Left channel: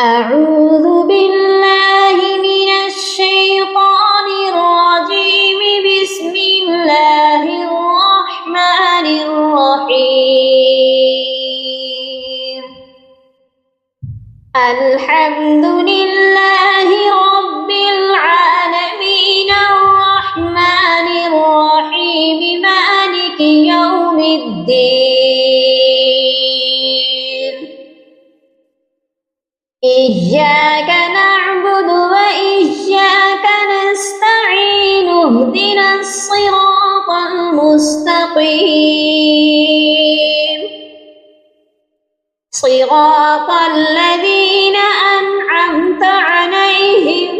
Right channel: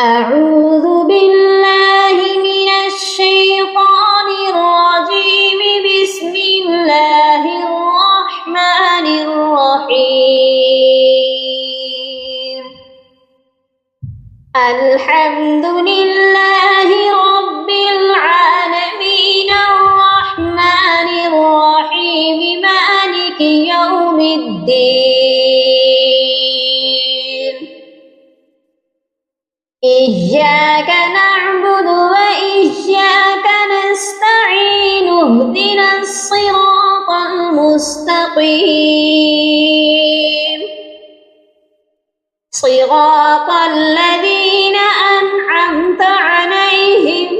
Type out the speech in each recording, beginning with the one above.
أعوذ بالله من الشيطان الرجيم. بسم الله الرحمن الرحيم. الحمد لله رب العالمين الرحمن الرحيم مالك يوم الدين. إياك نعبد وإياك نستعين. اهدنا الصراط المستقيم صراط الذين أنعمت عليهم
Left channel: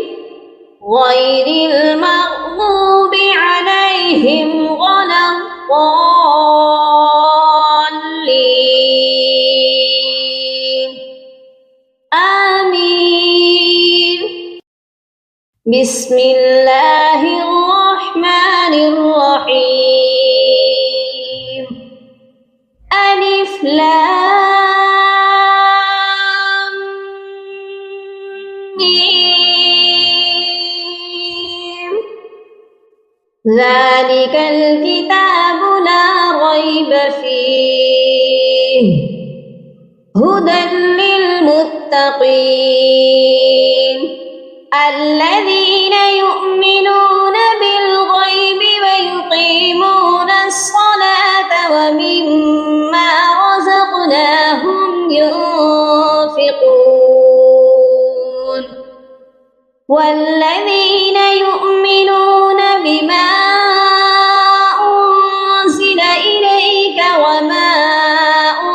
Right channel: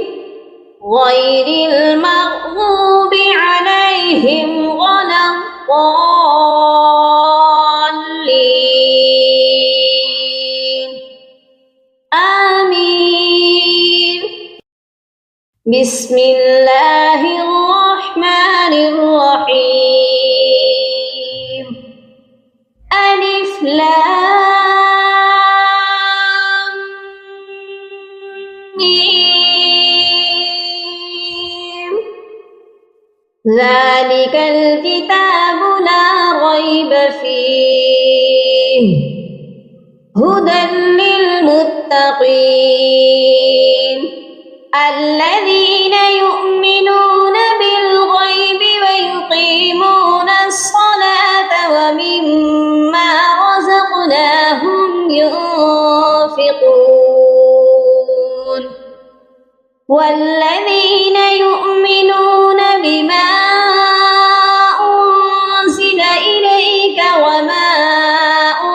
غير المغضوب عليهم ولا الضالين. آمين. بسم الله الرحمن الرحيم. ألف لام ميم. ذلك الكتاب لا ريب فيه هدى للمتقين الذين يؤمنون بالغيب ويقيمون الصلاة ومما رزقناهم ينفقون والذين يؤمنون بما أنزل إليك وما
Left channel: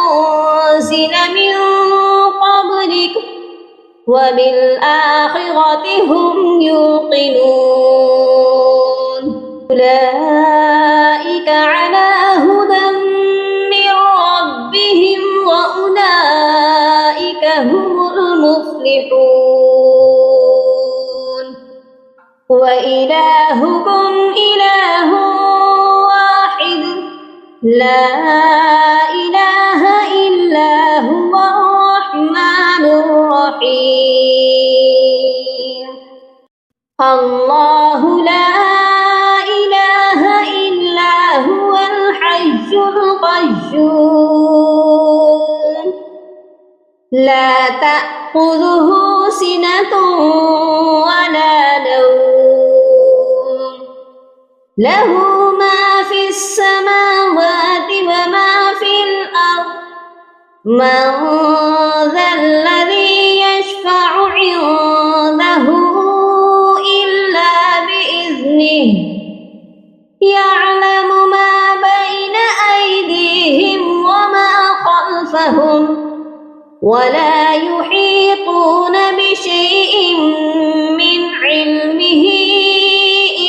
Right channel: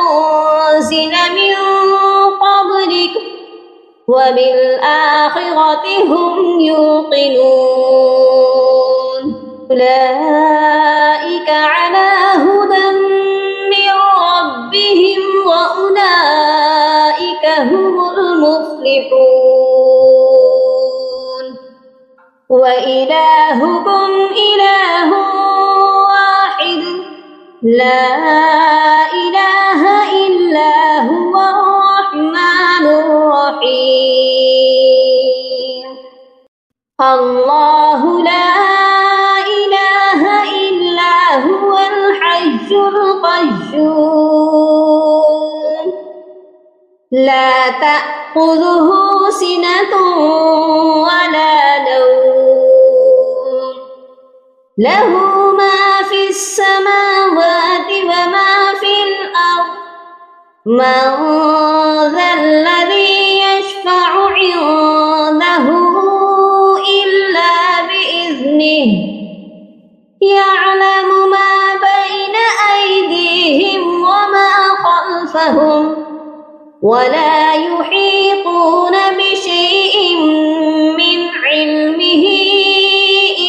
أنزل من قبلك وبالآخرة هم يوقنون. أولئك على هدى من ربهم وأولئك هم المفلحون. وإلهكم إله واحد لا إله إلا هو الرحمن الرحيم. الله لا إله إلا هو الحي القيوم لا تأخذه سنة ولا نوم له ما في السماوات وما في الأرض. من ذا الذي يشفع عنده إلا بإذنه يعلم ما بين أيديهم وما خلفهم ولا يحيطون بشيء من علمه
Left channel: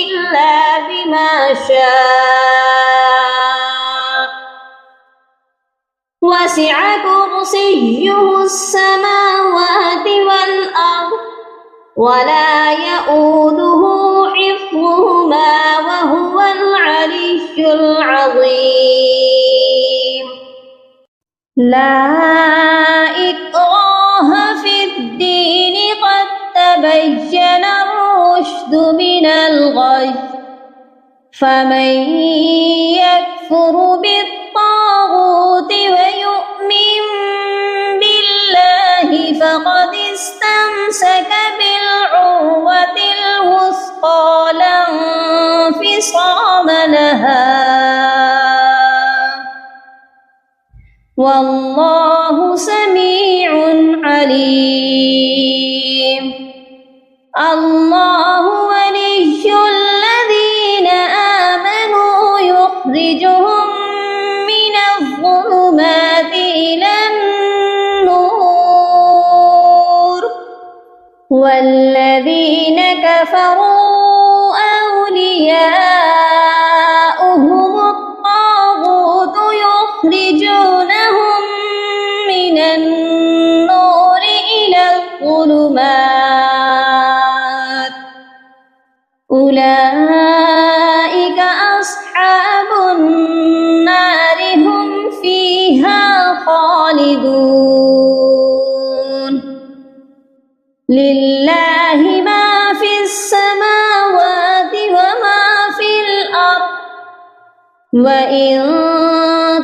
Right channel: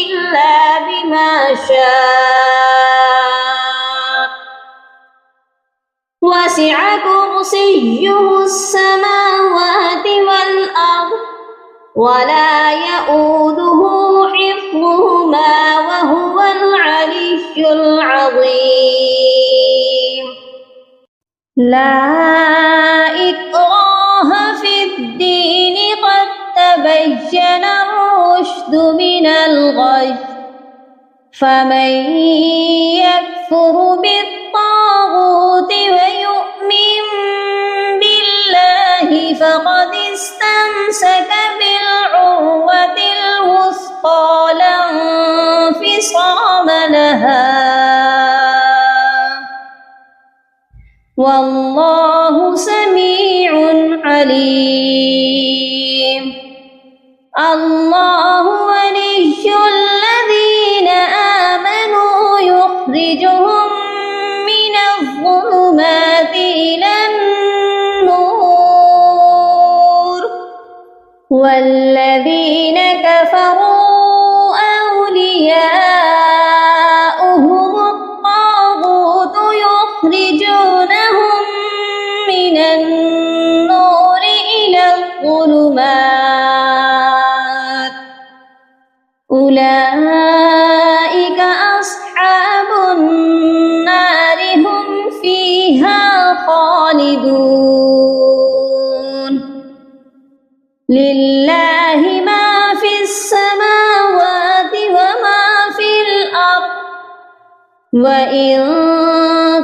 إلا بما شاء. وسع كرسيه السماوات والأرض ولا يؤوده حفظهما وهو العلي العظيم. لا إكراه في الدين قد تبين الرشد من الغي. فمن يكفر بالطاغوت ويؤمن بالله فقد استمسك بالعروة الوثقى لا انفصام لها. والله سميع عليم. الله ولي الذين آمنوا يخرجهم من الظلمات إلى النور والذين كفروا أولياؤهم الطاغوت يخرجونهم من النور إلى الظلمات. أولئك أصحاب النار هم فيها خالدون. لله ما في السماوات وما في الأرض وإن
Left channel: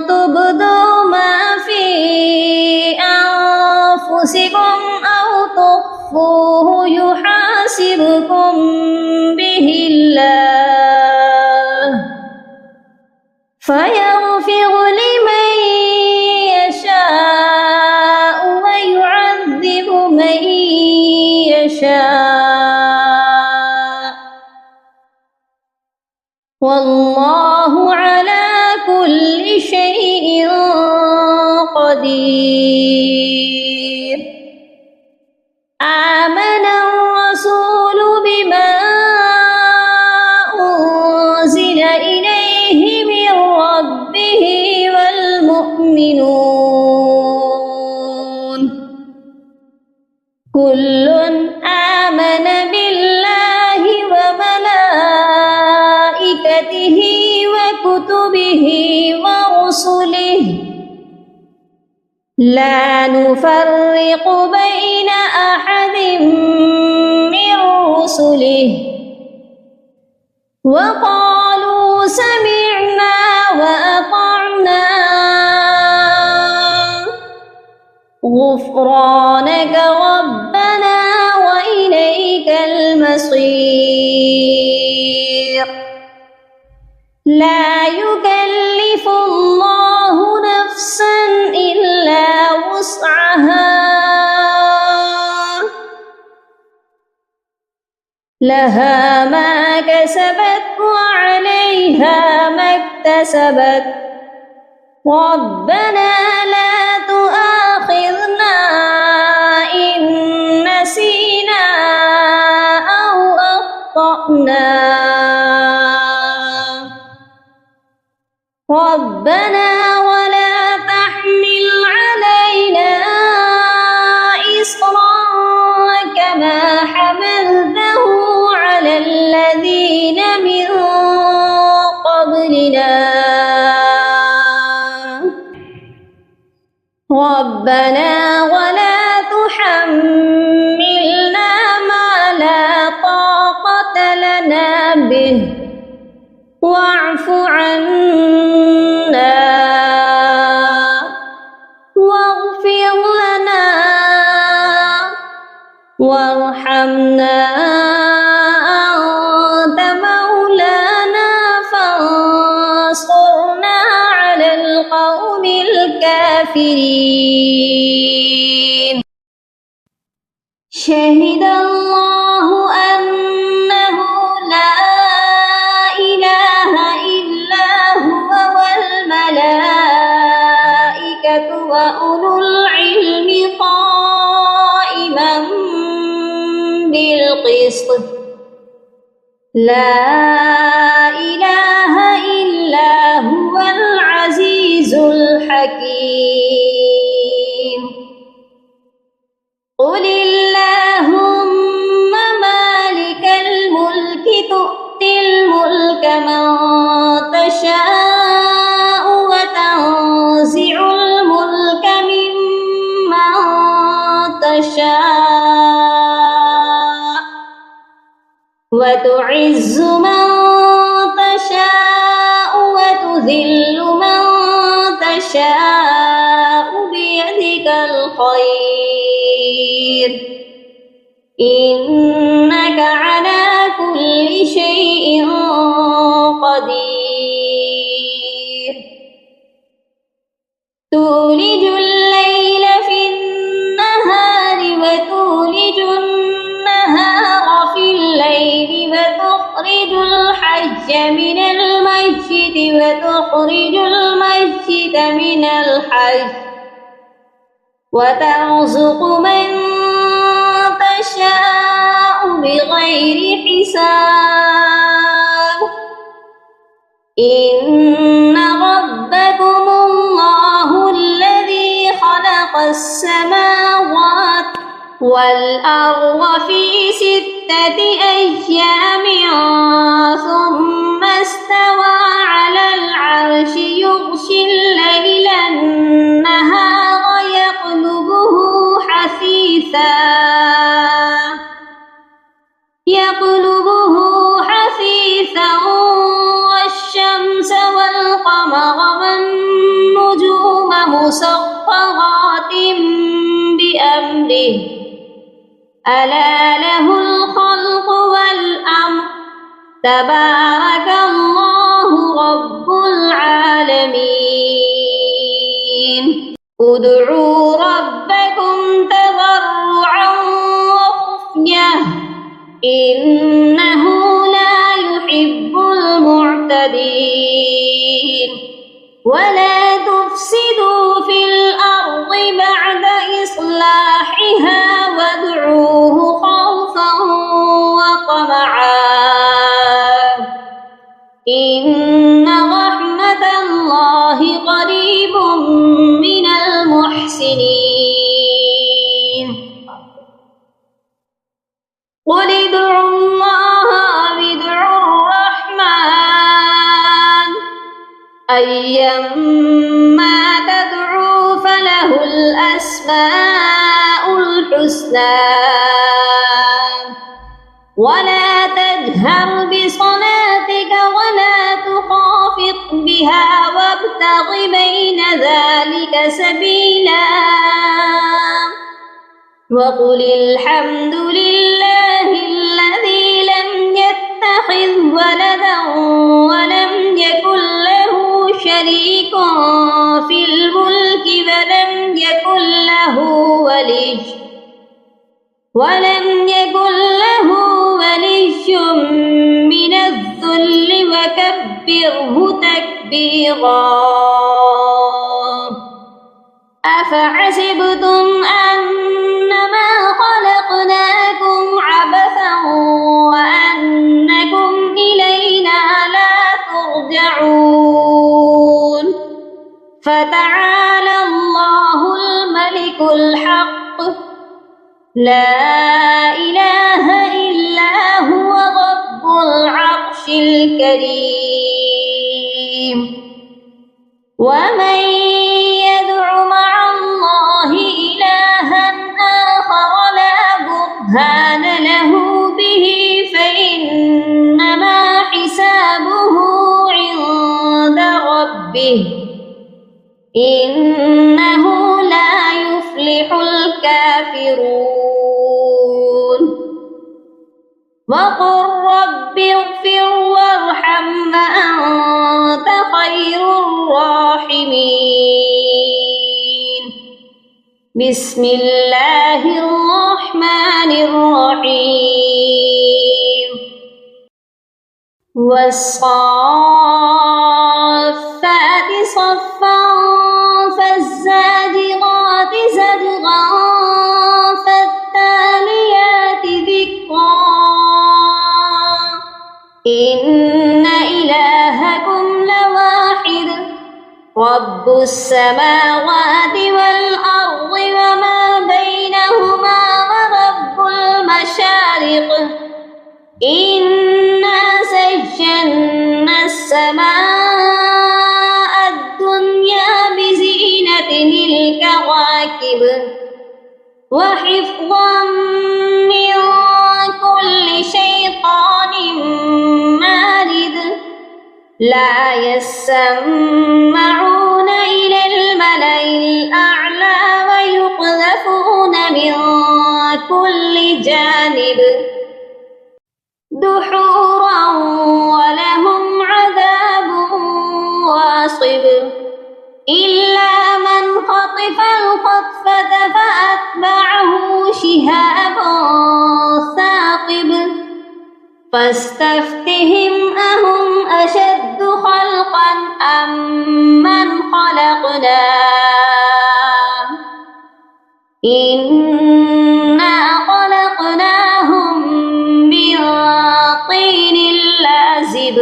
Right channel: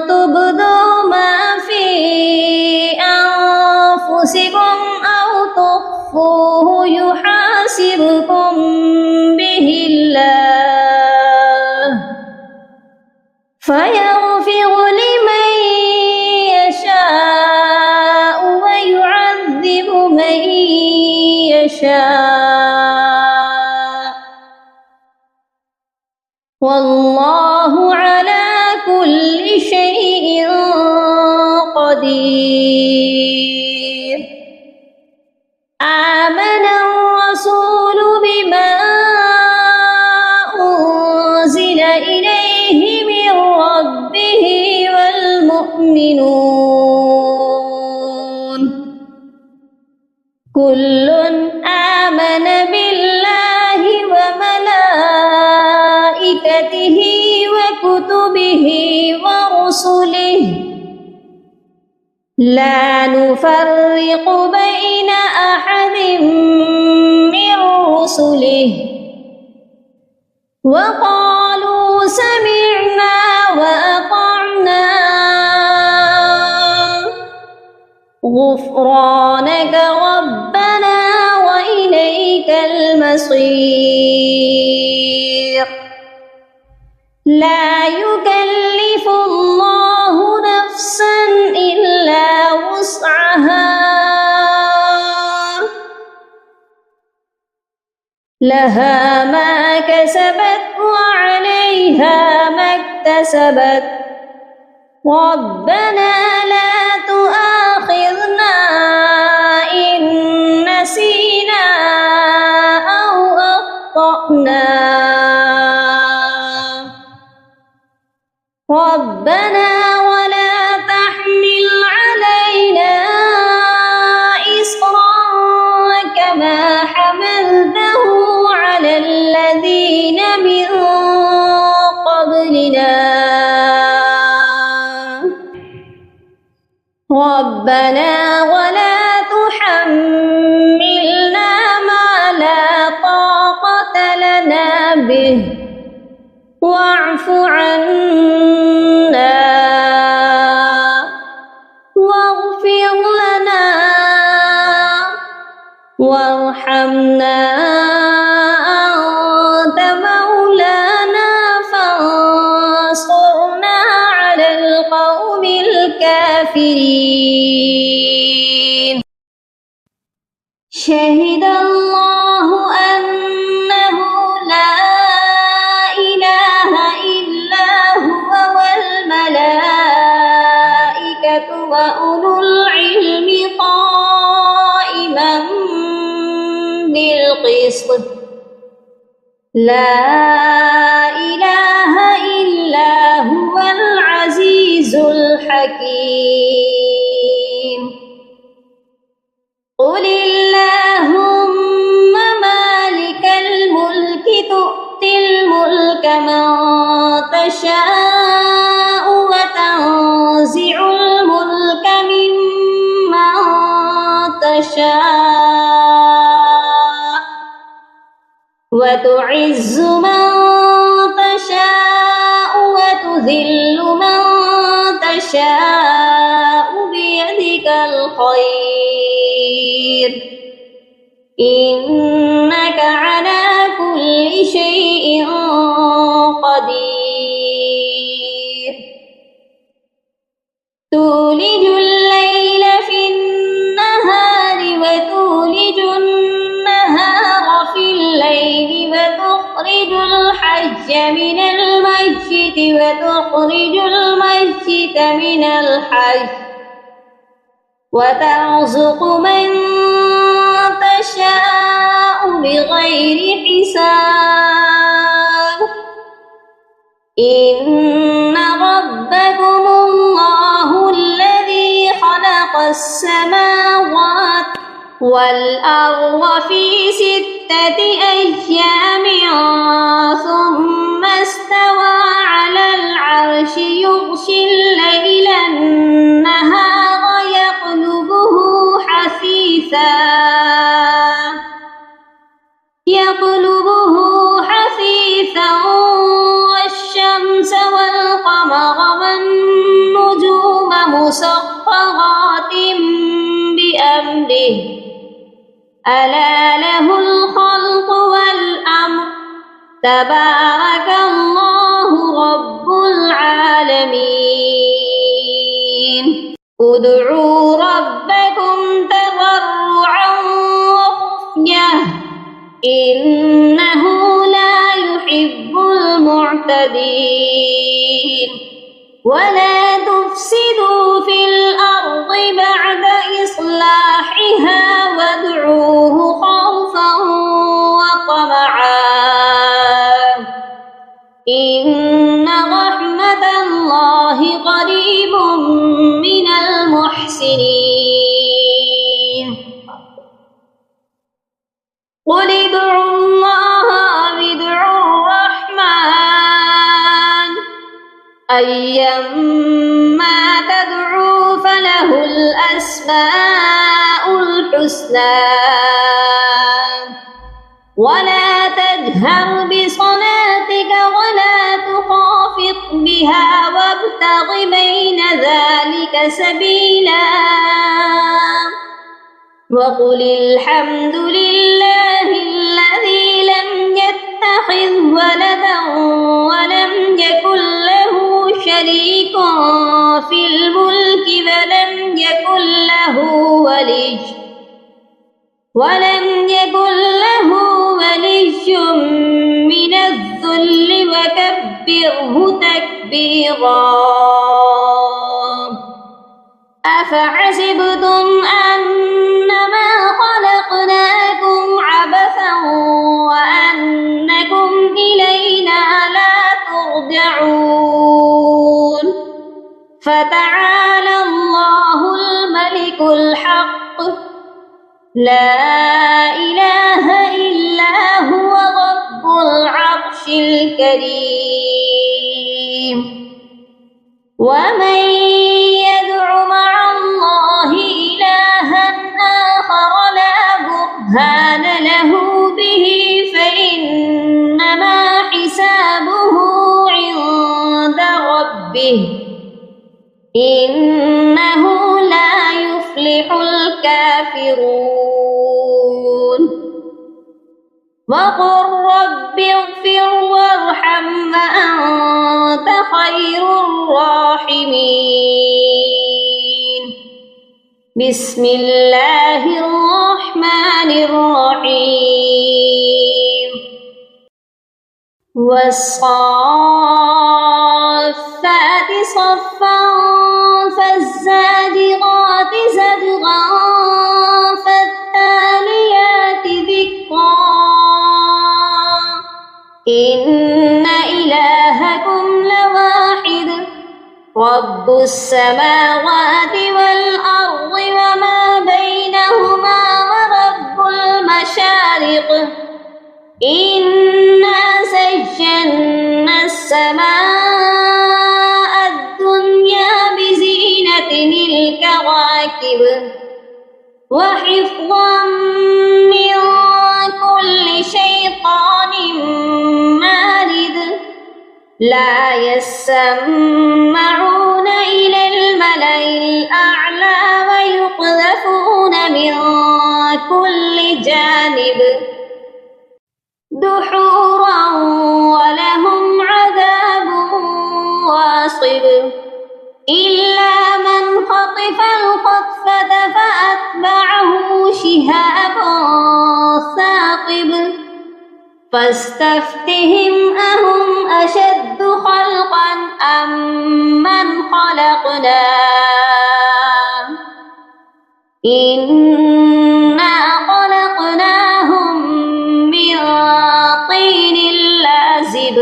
تبدوا ما في أنفسكم أو تخفوه يحاسبكم به الله فيغفر لمن يشاء ويعذب من يشاء والله على كل شيء قدير آمن الرسول بما أنزل إليه من ربه والمؤمنون كل آمن بالله وملائكته وكتبه ورسله لا نفرق بين أحد من رسله وقالوا سمعنا وأطعنا غفرانك ربنا وإليك المصير لا يكلف الله نفسا إلا وسعها لها ما كسبت وعليها ما اكتسبت ربنا لا تؤاخذنا إن نسينا أو أخطأنا ربنا ولا تحمل علينا إصرا كما حملته على الذين من قبلنا ربنا ولا تحملنا ما لا طاقة لنا به واعف عنا واغفر لنا وارحمنا أنت مولانا فانصرنا على القوم الكافرين شهد الله أنه لا إله إلا هو والملائكة وأولو العلم قائما بالقسط لا إله إلا هو العزيز الحكيم قل اللهم مالك الملك تؤتي الملك من تشاء وتنزع الملك ممن تشاء وتعز من تشاء وتذل من تشاء بيدك الخير إنك على كل شيء قدير تولج الليل في النهار وتولج النهار في الليل وتخرج الحج من المسجد وتخرج المسجد من الحج وترزق من تشاء بغير حساب إن ربكم الله الذي خلق السماوات والأرض في 6 أيام ثم استوى على العرش يغشي الليل النهار يطلبه حثيثا ألا له الخلق والأمر تبارك الله رب العالمين ادعوا ربكم تضرعا وخفية إنه لا يحب المعتدين ولا تفسدوا في الأرض بعد إصلاحها وادعوه خوفا وطمعا إن رحمة الله قريب من المحسنين قل ادعوا الله أو ادعوا الرحمن أيما تدعوا فله الأسماء الحسنى ولا تجهر بصلاتك ولا تخافت بها وابتغ بين ذلك سبيلا وقل الحمد لله الذي لم يتخذ ولدا ولم يكن له شريك في الملك ولم يكن له ولي من الذل وكبره تكبيرا أفحسبتم أنما خلقناكم عبثا وأنكم إلينا لا ترجعون فتعالى الله الملك الحق لا إله إلا هو رب العرش الكريم ومن يدع مع الله إلها آخر لا برهان له به فإنما حسابه عند ربه إنه لا يفلح الكافرون وقل رب اغفر وارحم وأنت خير الراحمين بسم الله الرحمن الرحيم والصافات صفا فالزاجرات زجرا فالتاليات ذكرا إن إلهكم لواحد رب السماوات والأرض وما بينهما ورب المشارق إنا زينا السماء الدنيا بزينة الكواكب وحفظا من كل شيطان مارد لا يسمعون إلى الملأ الأعلى ويقذفون من كل جانب دحورا ولهم عذاب واصب إلا من خطف الخطفة فأتبعه شهاب ثاقب فاستفتهم أهم أشد خلقا أم من خلقنا إنا خلقناهم من طين لازب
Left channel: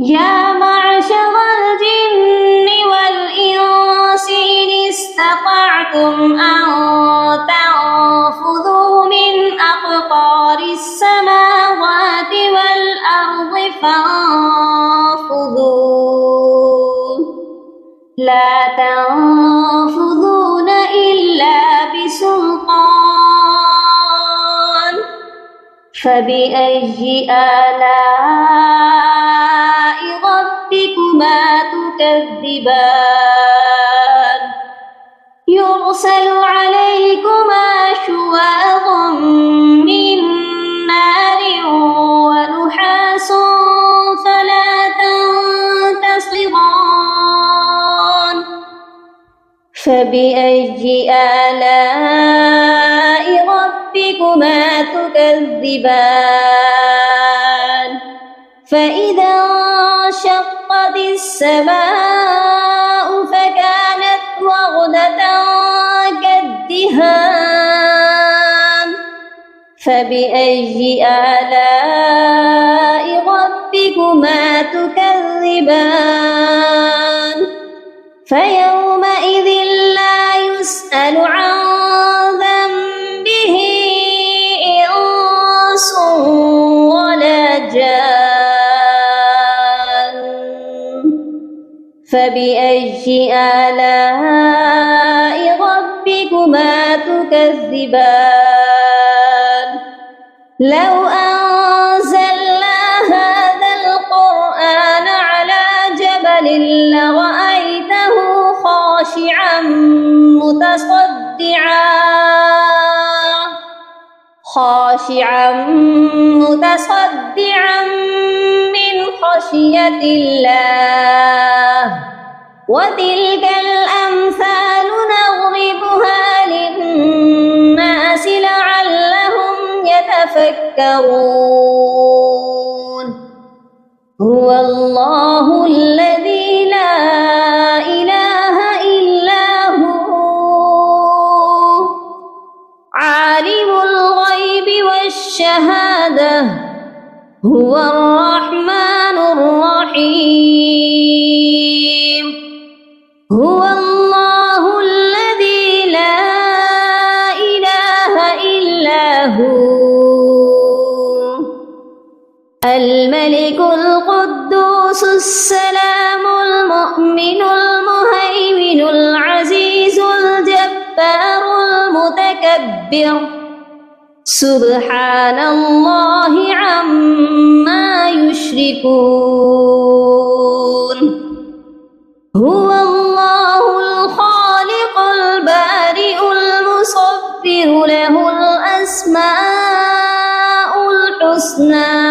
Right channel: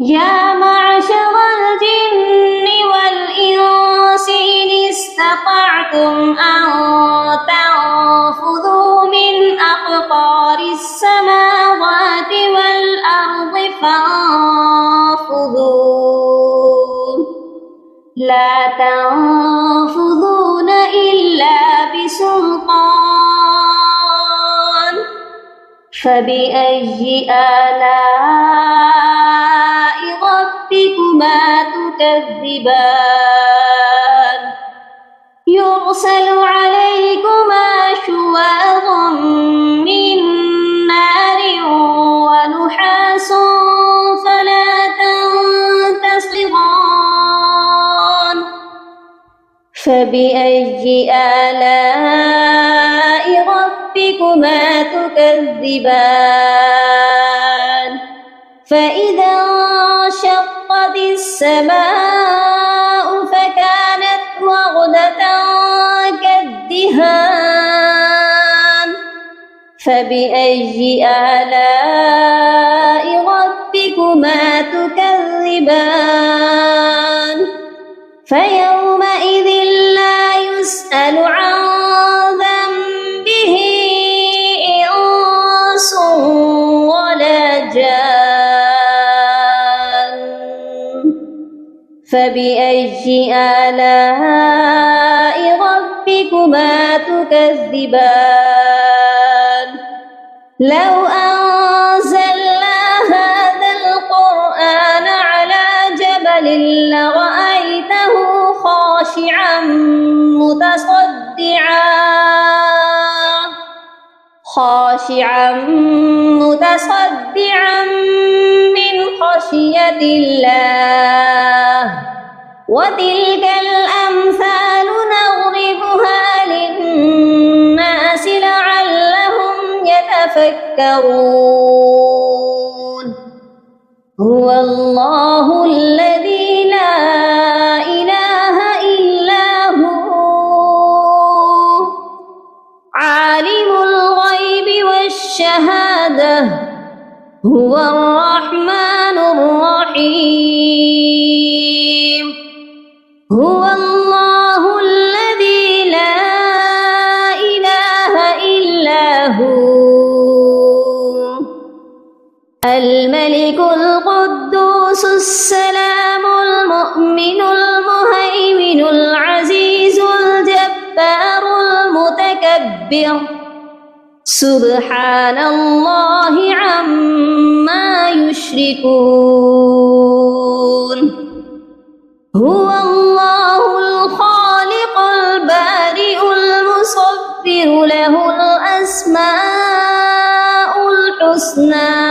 يا معشر الجن والإنس إن استطعتم أن تنفذوا من أقطار السماوات والأرض فانفذوا لا تنفذون إلا بسلطان فبأي آلاء ربكما تكذبان يرسل عليكما شواظ فبأي آلاء ربكما تكذبان فإذا انشقت السماء فكانت وردة كالدهان فبأي آلاء ربكما تكذبان فيومئذ لا يسأل عن ذنبه إنس ولا جان فبأي آلاء ربكما تكذبان لو أنزلنا هذا القرآن على جبل لرأيته خاشعا متصدعا من خشية الله وتلك الأمثال نضربها للناس لعلهم يتفكرون هو الله الذي لا إله إلا هو عالم الغيب والشهادة هو الرحمن الرحيم هو الله الذي لا إله إلا هو الملك القدوس السلام المؤمن المهيمن العزيز الجبار المتكبر سبحان الله عما يشركون هو الله الخالق البارئ المصور له الأسماء الحسنى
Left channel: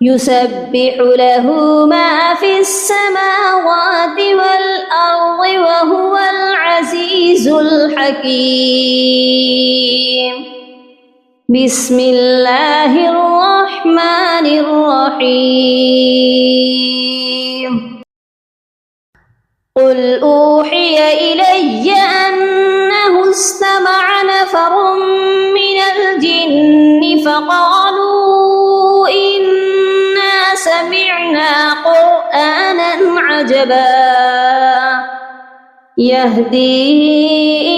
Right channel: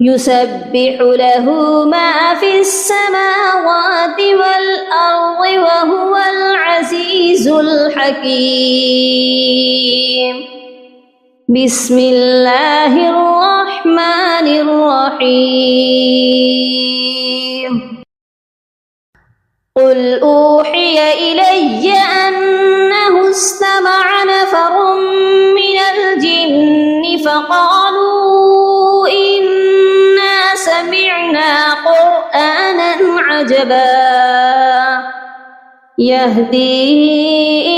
يسبح له ما في السماوات والأرض وهو العزيز الحكيم بسم الله الرحمن الرحيم قل أوحي إلي أنه استمع نفر من الجن فقالوا إنا سمعنا قرآنا عجبا يهدي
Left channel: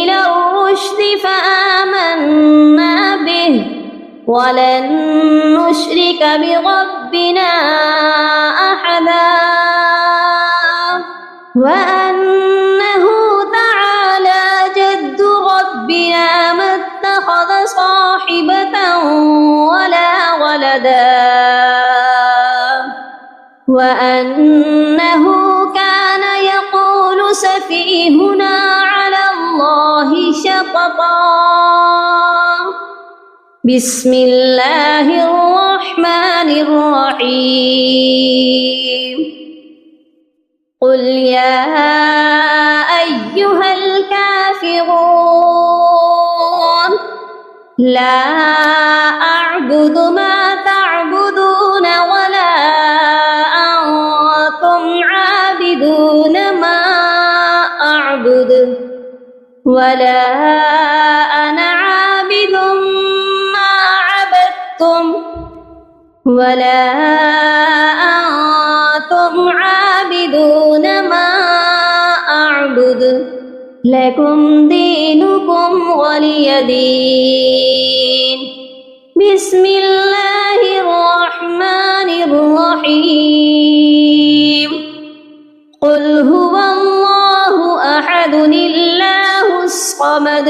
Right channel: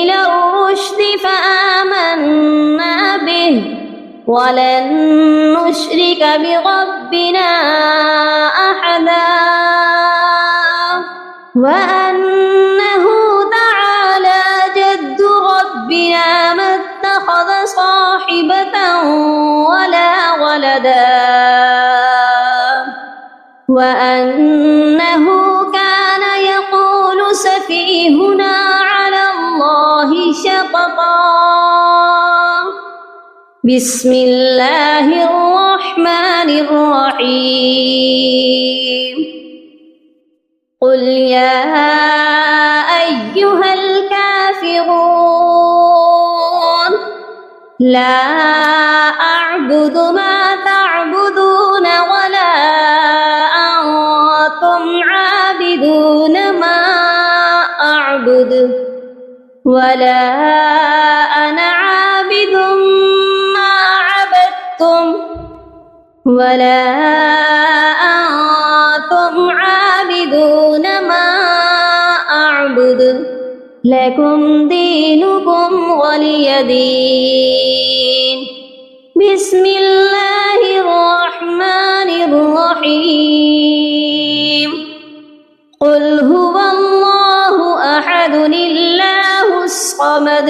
إلى الرشد فآمنا به ولن نشرك بربنا أحدا وأنه تعالى جد ربنا ما اتخذ صاحبة ولا ولدا وأنه كان يقول سفيهنا على الله شططا بسم الله الرحمن الرحيم قل يا أيها الكافرون لا أعبد ما تعبدون ولا أنتم عابدون ما أعبد ولا أنا عابد ما عبدتم ولا أنتم عابدون ما أعبد لكم دينكم ولي دين بسم الله الرحمن الرحيم قل هو الله أحد الله الصمد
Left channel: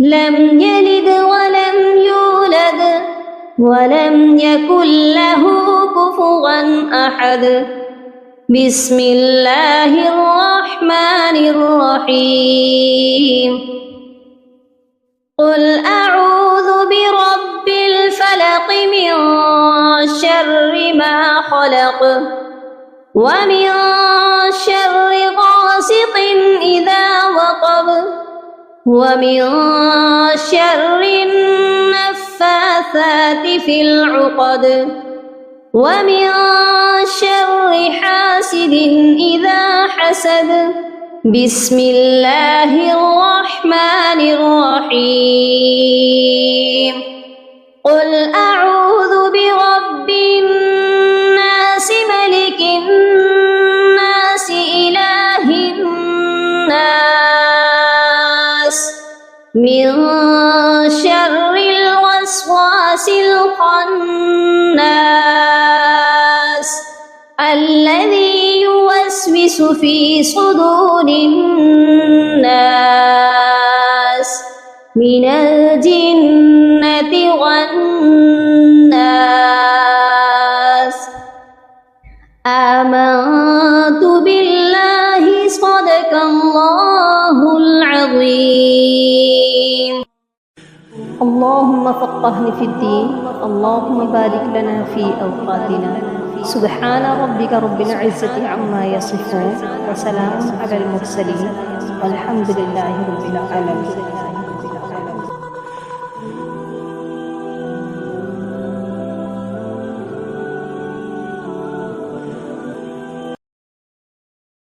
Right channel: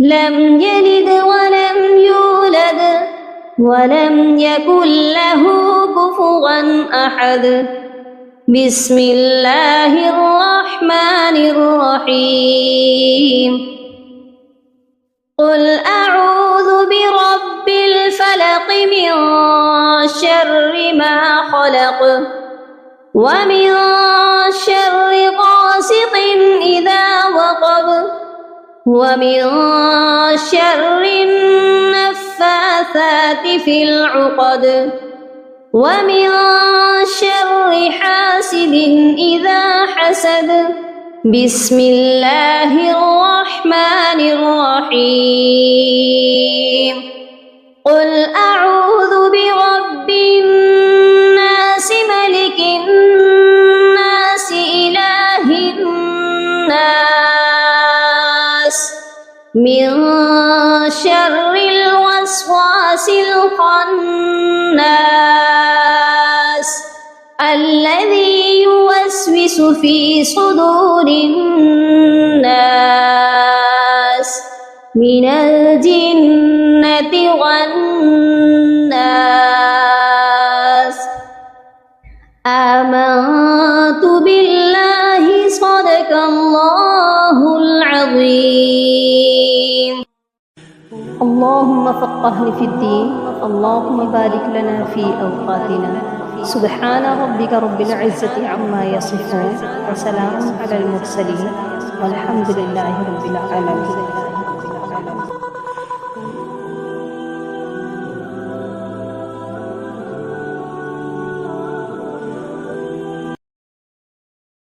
لم يلد ولم يولد ولم يكن له كفوا أحد بسم الله الرحمن الرحيم قل أعوذ برب الفلق من شر ما خلق ومن شر غاسق العقد ومن شر النفاثات في العقد ومن شر حاسد إذا حسد. بسم الله الرحمن الرحيم. قل أعوذ برب الناس ملك الناس إله الناس من شر الوسواس الخناس الذي يوسوس في صدور الناس من الجنة والناس. آمنت بالله صدق الله العظيم. اللهم فقهني في الدين. اللهم بارك لنا في أوقاتنا. سبحان ربك رب العزة عما يصفون وسلام على المرسلين والحمد لله رب العالمين.